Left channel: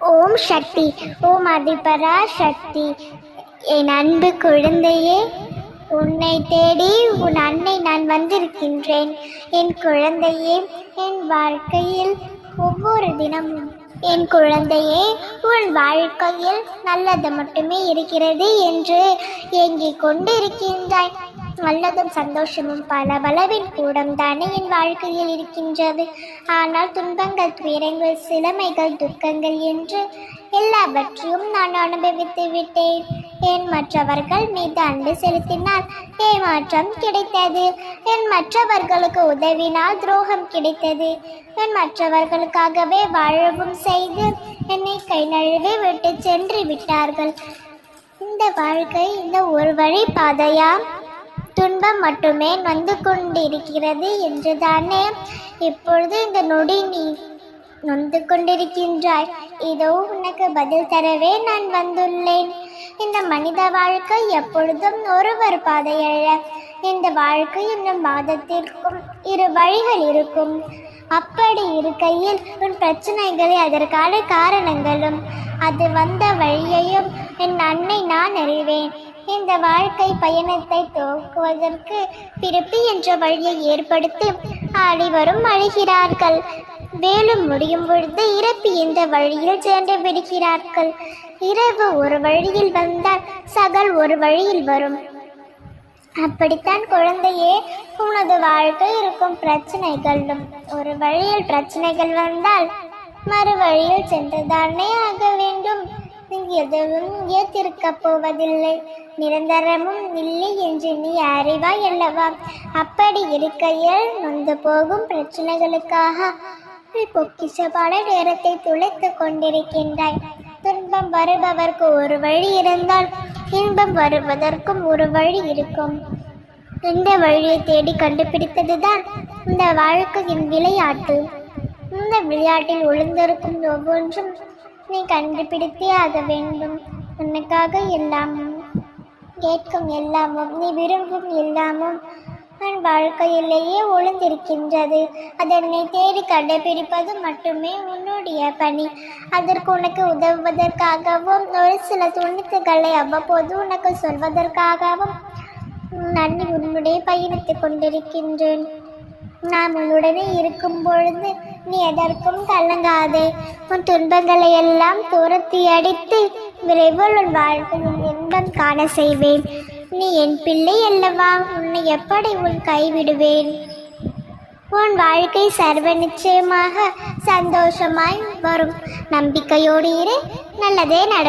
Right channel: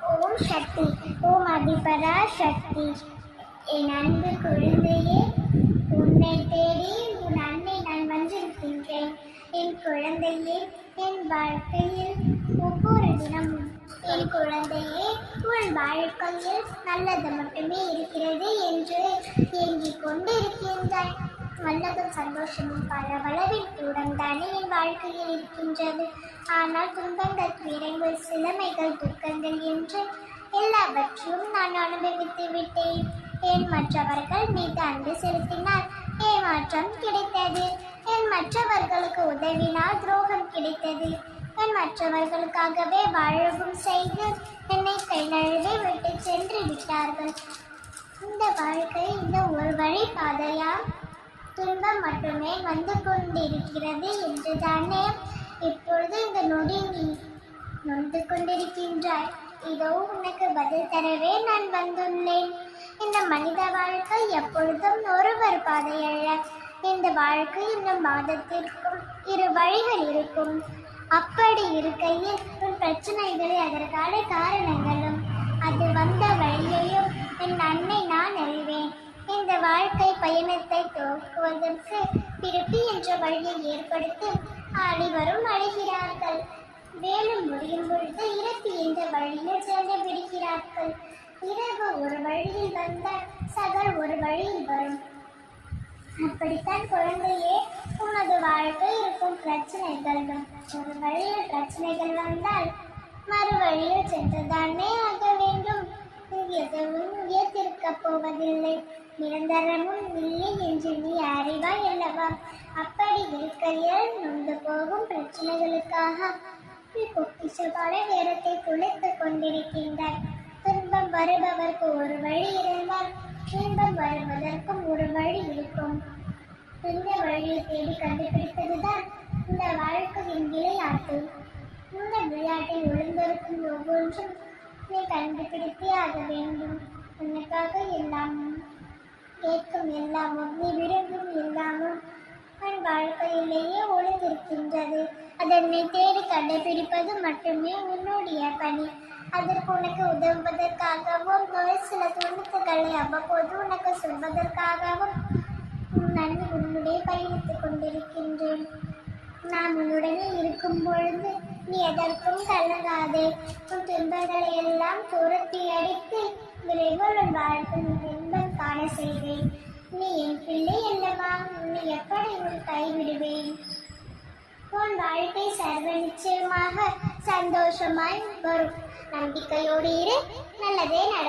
ஓம் சக்தி. ஓம் அதிபரா சக்தி. என் அன்பு குழந்தையே, உன்னை தேடி உன் அன்னை நான் வந்திருக்கின்றேன். என் குழந்தையே, என் வாழ்க்கையில் ஒவ்வொரு தினமும் என் குழந்தையே, உன் வாழ்க்கையில் நல்லது மட்டுமே இருக்கிறது என்று ஏங்கிக் கொண்டிருக்கின்றாய். நல்லதும் சந்தோஷமும் பல பலவின் கூடம்தானே என் வாழ்க்கையில் இருக்கின்றது. ஆனால் துன்பங்கள், துயரங்கள், சிலமைகள், துக்கங்கள் என்று எல்லாவற்றையும் நான் அனுபவித்து விட்டேன். என் மற்றவர்கள் மீது அன்பு செலுத்தினால் ஏமாற்றம் கிடைத்தது. என் மற்றவர்களுக்கு உதவினால் துரோகம் கிடைத்தது. என் மற்றவர்களுக்காகவே வாழவும் செய்து என்னை கை நழுவி விட்டு சென்று விட்டார்கள். இந்த வாழ்க்கை இந்த ஒரு வழி பாதையா? துன்பம் மட்டுமே வந்து கொண்டிருக்கிறது என்றுதானே இப்பொழுது இந்த நொடி நீ நொந்து கொண்டிருக்கின்றாய். இதோ உனக்கு பதில் தரவே நான் வந்துள்ளேன். இந்த மனித வாழ்க்கை எப்பொழுதும் ஒருவர் பாதையல்ல. இந்த வாழ்க்கை இந்த மாதத்திற்கும் இரு வழிகள் இருக்கும். அப்படி இருக்கையில் உன் பிரச்சனைகளை, அதற்கான காரணங்களும் அது வந்த வழியையும் என் அன்னை நான் அறிவேன். இந்த வாழ்க்கை பயணத்தை துவக்குவதற்கு பிறப்பு என்ற வழியை ஏற்படுத்தி அனைவரும் அழுகிறார்கள். வேலும் முடியும் பொழுது இறப்பு என்ற வழியில் சென்று விடுகிறார்கள். இரவு ஒரு வழியில் வந்தால் சகல் ஒரு வழியில் வரும். அப்படித்தான் குழந்தையே, உனது வாழ்க்கை இருக்கும் பிரச்சனைகளும் ஒரு வழியில் பிரச்சனைகள் வந்தால் மறு வழியில் சென்றுதானே ஆக வேண்டும். எதுவும் ஏற்றிருக்கப் போவதில்லை, நிரந்தரமும் இல்லை என்று நீ அறிவாய் அல்லவா? அப்படி இருக்கையில் நொந்து போகும் பிரச்சனைகளுக்காக பொக்கிஷமான நேரத்தை துளைத்து கொண்டிருக்கின்றாய். துன்பம் வருபவர்க்கு ஒரு வழி இருந்தால் இன்பம் வருவதற்கும் ஒரு வழி இருக்கும். இந்த வழியை தேடி கண்டுபிடித்ததுதான் இந்த வாழ்க்கையின் விளையாட்டு. இந்த விளையாட்டில் ஒளிந்திருக்கும் ஒவ்வொன்றும் நீ கண்டுபிடித்தே ஆக வேண்டும். உனக்காக எல்லாமும் கேட்கும் எல்லாமும் நீ விரும்பும் எல்லாமும் உன் வாழ்க்கையிலேயே ஒளிந்திருக்கின்றது. அதை உன்னை தேடி கண்டுபிடிப்பது மட்டுமே உன்னுடைய பணி. அதற்கு உனக்கு உதவுவதற்காகவும் ஒரு சில துணித்துகளை அவ்வப்போது உனக்கு சொல்வதற்காகவும் நான் உன்னுடைய பயணித்துக் கொண்டிருக்கின்றேன். நான் உன்னுடனே இருக்கும் பொழுது நீ எதற்கும் கலங்காதே. உன் துன்பங்களை எல்லாம் துரத்தி அடித்து விரைவில் உன் வாழ்க்கையில் இன்பம் காண செய்வேன். நீ என் பிள்ளை அல்லவா? உன்னை எப்படி உன் கைவிடுவேன்? உன் வாழ்க்கை சர்வ நிச்சயமாக சந்தோஷமாய் வரும். நம்பிக்கையோடு இரு, நல்லதே நடக்கும்.